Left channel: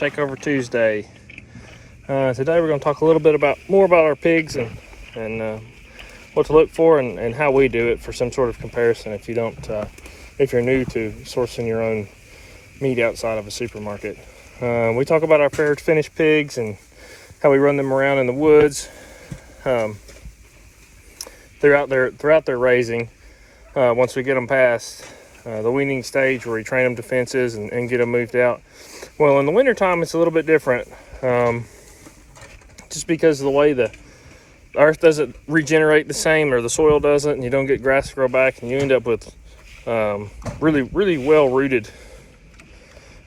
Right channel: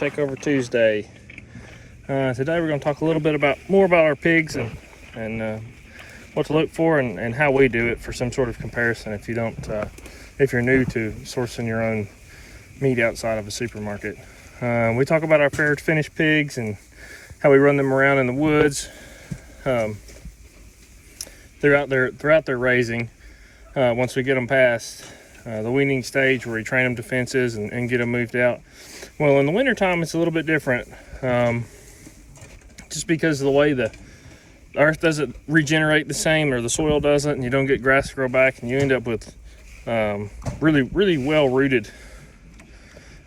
Takeover Tuesday. Today we're going to talk a little bit more about our pigs and what to look for and how we do it for some sort of comparison if you're new to sourcing your own meat outside of a supermarket. We talk about our fair finished pigs and how we run them around in the woods throughout their raising. Once we get them past the weaning stage where we train them to fences and get them moved out. Well, in the wintertime it's a little bit different, just because of the way the earth doesn't regenerate the same, or the soil doesn't, and you don't get grass to grow back, and you end up with really well rooted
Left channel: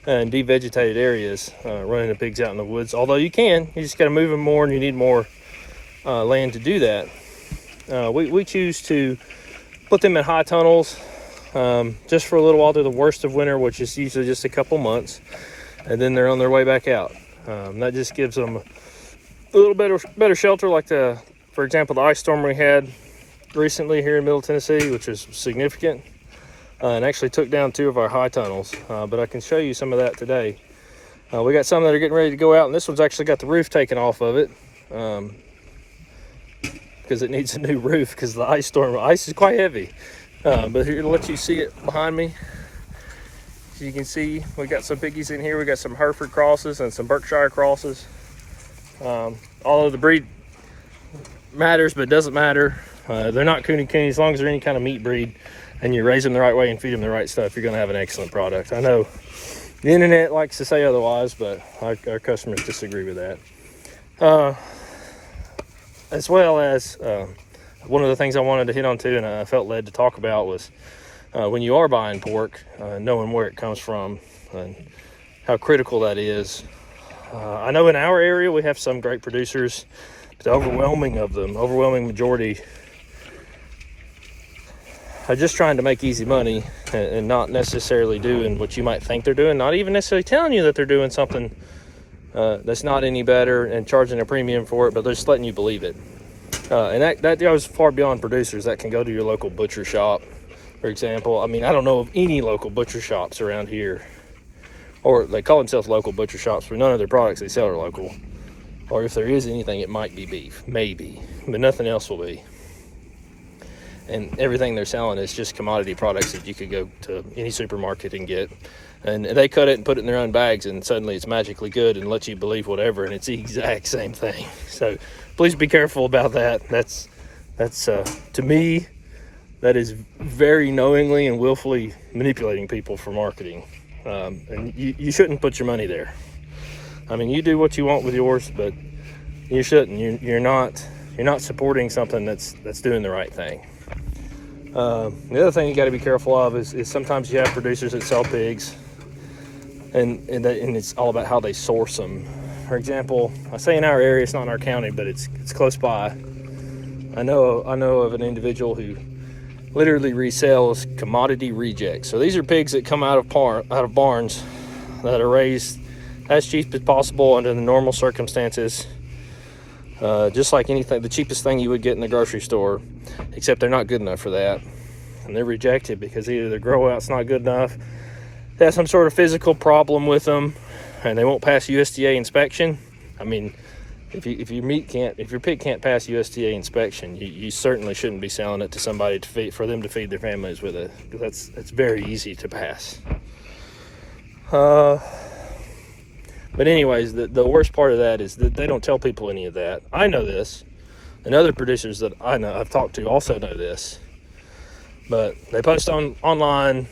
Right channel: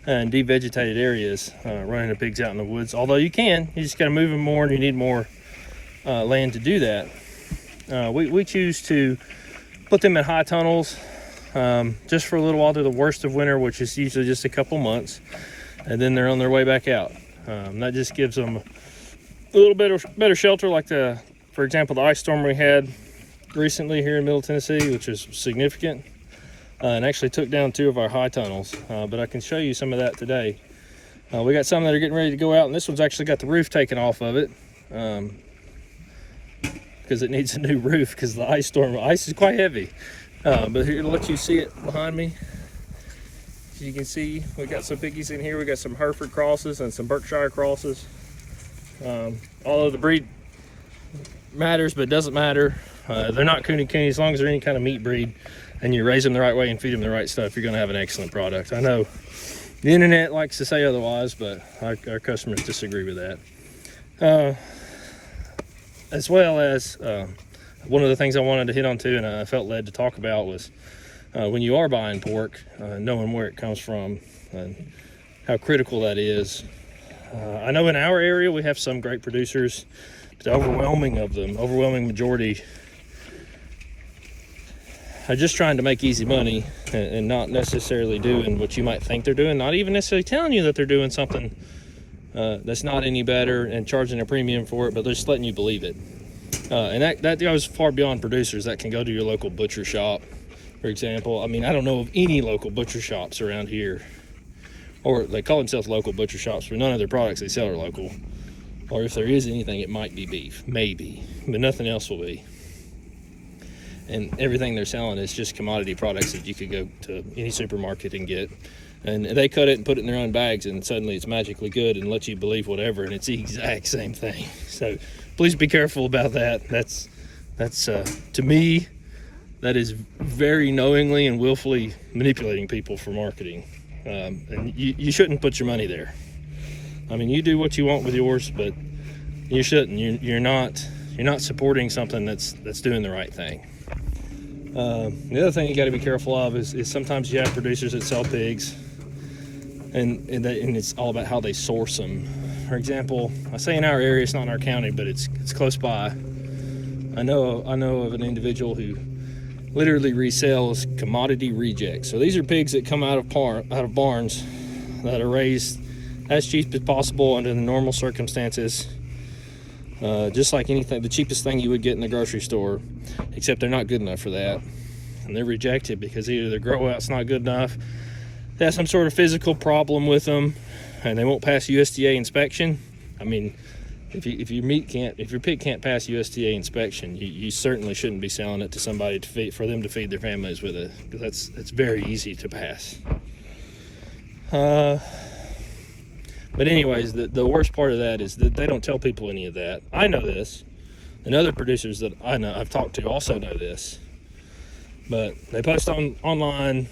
and devegetated areas running the pigs out in the woods. Although you just got to move them more, and you need more land to do that. We choose to put them in high tunnels just for a little while through the worst of winter, which is usually just a couple months, and then they're on their way back out. That just gives them a little better shelter, like for example, the ice storm we had recently here in Middle Tennessee, which is significant, and actually took down 2 of our high tunnels. But I can show you some of that today. We got some that are getting ready to go out, and this one's actually got the roof taken off of it because it needs a new roof because the ice is quite heavy. But here, to let you see it behind me, as you can see, we got some piggies in here. We got some Hereford crosses and some Berkshire crosses. Although the breed matters, but doesn't matter. They're not cooney as long as they're any kind of meat breed and you raise them the right way and feed them the right stuff, you're going to have an excellent product. I know the internet likes to say otherwise, but our customers disagree with that. As well as one of the things I wanted to hit on too, and I felt led to talk about, was when you are buying pork, knowing where it comes from and how critical that is. I know in our area we have some great producers, but the overwhelming majority, are just trying to make easy money and not necessarily doing what you might think they're doing, not even necessarily telling you that they're doing something that's not any better and charging a premium for it, but they're just letting you believe it. And that goes far beyond producers. That can go to your local butcher shop, for example. I mean, I don't know of any local butcher shops around here, or they call themselves local butcher shops, but none of their products they sell are local. Or if there is anything, it might be beef, maybe, but nothing else will be. And everything they're selling is just commodity products that you could go to any supermarket and get. And they cut it and put it in their own bags, and suddenly it's magically good and lets you believe whatever, and it's the exact same thing. So please be careful about that. That's to me, that is very knowingly and willfully manipulating people for marketing. And you shouldn't put your money there. I mean, you do what you want with yours, but you shouldn't. You're not supporting something that's doing the right thing. The other thing you got to be careful of is sometimes you have producers that sell pigs, and it's all about how they source them. For example, I say in our area, it's not in our county, but it's close by. I know of an individual who literally resells commodity rejects. So these are pigs that come out of barns that are raised as cheap as possible under the normal circumstances, just like anything, the cheapest thing you would get in the grocery store, except they're not good enough for that, and they're rejected because either the grow out's not good enough, they have some sort of physical problem with them, and they won't pass USDA inspection. I mean, if your pig can't pass USDA inspection, you certainly shouldn't be selling it to somebody for them to feed their families with it, because that's very easy to pass. But anyways, the worst part of that is that they don't tell people any of that. I know this, and other producers that I've talked to also know this, but they post online,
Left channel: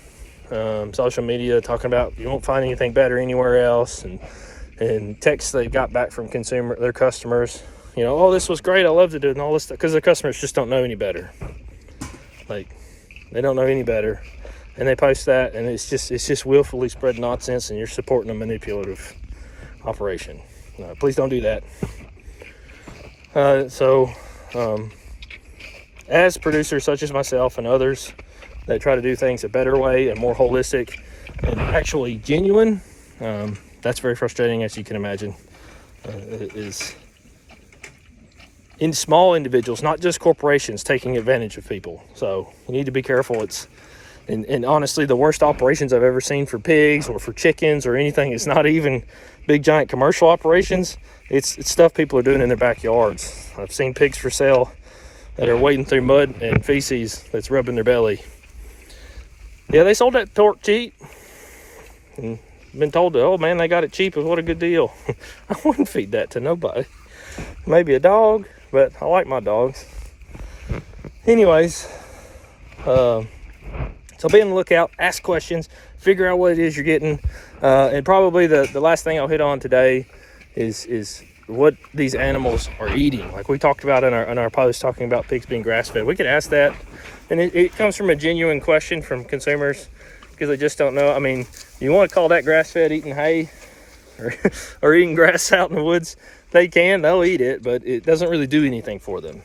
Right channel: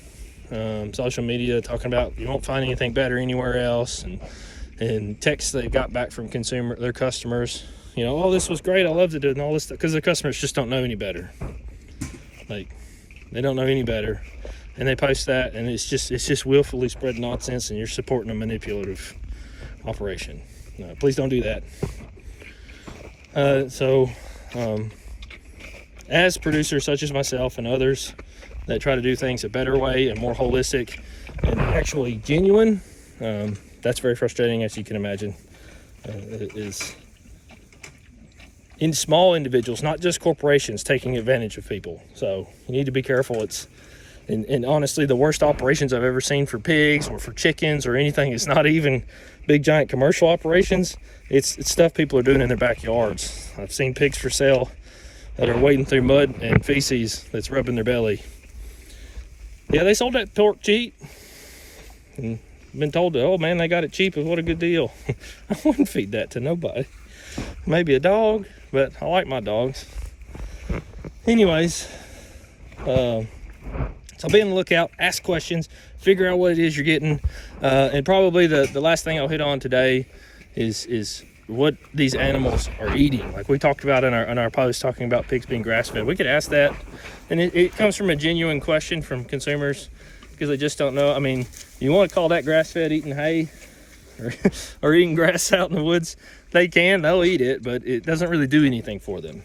social media, talking about you won't find anything better anywhere else, and texts they got back from their customers, oh, this was great, I loved it, and all this stuff, because their customers just don't know any better. Like, they don't know any better, and they post that, and it's just willfully spread nonsense, and you're supporting a manipulative operation. Please don't do that. As producers such as myself and others that try to do things a better way and more holistic and actually genuine, that's very frustrating, as you can imagine. It is in small individuals, not just corporations, taking advantage of people. So you need to be careful. It's And honestly, the worst operations I've ever seen for pigs or for chickens or anything, it's not even big giant commercial operations. It's stuff people are doing in their backyards. I've seen pigs for sale that are wading through mud and feces that's rubbing their belly. Yeah, they sold that pork cheap. And been told, oh man, they got it cheap. What a good deal. I wouldn't feed that to nobody. Maybe a dog, but I like my dogs. Anyways, so be on the lookout, ask questions, figure out what it is you're getting. And probably the last thing I'll hit on today is what these animals are eating. Like we talked about in our post talking about pigs being grass-fed. We could ask that. And it comes from a genuine question from consumers because they just don't know. I mean, you want to call that grass-fed eating hay or eating grass out in the woods? They'll eat it, but it doesn't really do anything for them.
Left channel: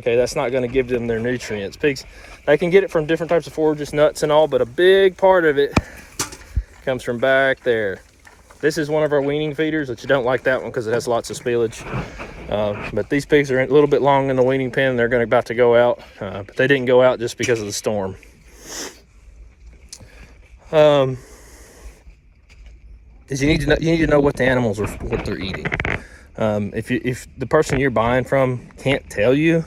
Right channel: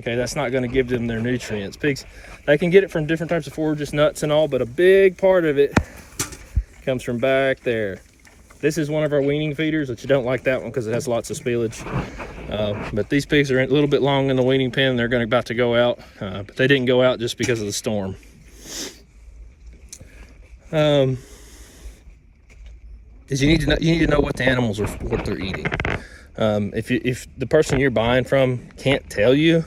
Okay, that's not going to give them their nutrients. Pigs, they can get it from different types of forages, nuts and all, but a big part of it comes from back there. This is one of our weaning feeders, but you don't like that one because it has lots of spillage. But these pigs are a little bit long in the weaning pen. They're about to go out, but they didn't go out just because of the storm. Is you need to know what the animals are, what they're eating. If the person you're buying from can't tell you,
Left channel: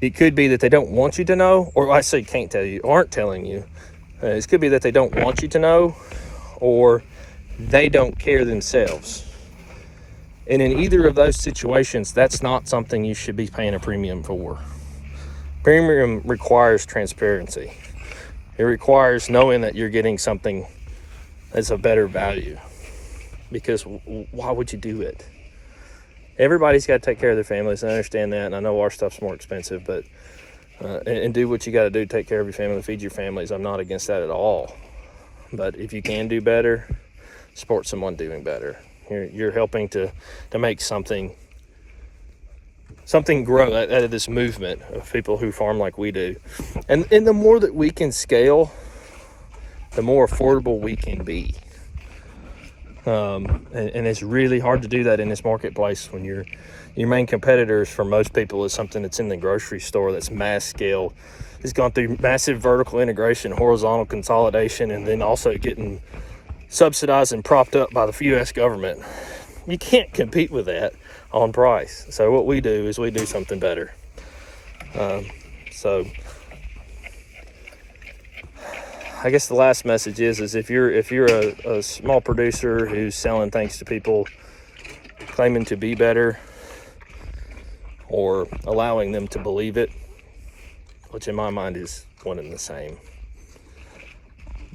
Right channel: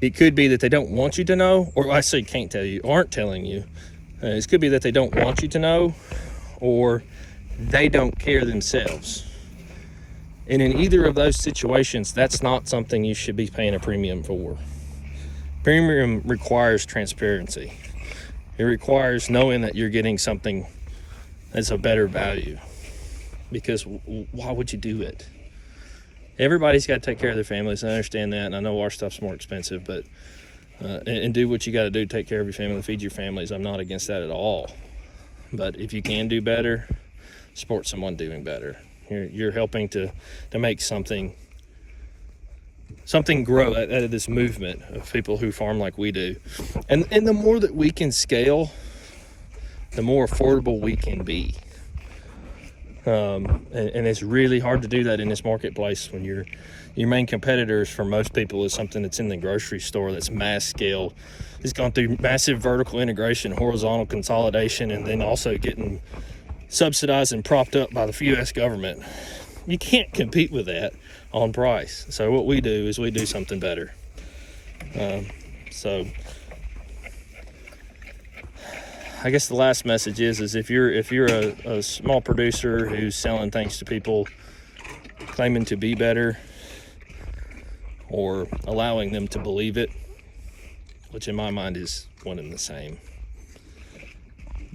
it could be that they don't want you to know, or I say can't tell you, aren't telling you. It could be that they don't want you to know, or they don't care themselves. And in either of those situations, that's not something you should be paying a premium for. Premium requires transparency. It requires knowing that you're getting something that's a better value. Because why would you do it? Everybody's got to take care of their families. I understand that, and I know our stuff's more expensive, but and do what you got to do, take care of your family, feed your families. I'm not against that at all. But if you can do better, support someone doing better. You're helping to make something grow out of this movement of people who farm like we do. And the more that we can scale, the more affordable we can be. And it's really hard to do that in this marketplace when your main competitors for most people is something that's in the grocery store that's mass scale. It's gone through massive vertical integration, horizontal consolidation, and then also getting subsidized and propped up by the U.S. government. You can't compete with that on price. So what we do is we do something better. So I guess the last message is if you're a small producer who's selling things to people claiming to be better or allowing them to believe it, which in my mind is one and the same,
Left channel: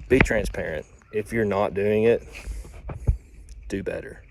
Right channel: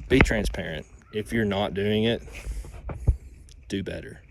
be transparent. If you're not doing it, do better.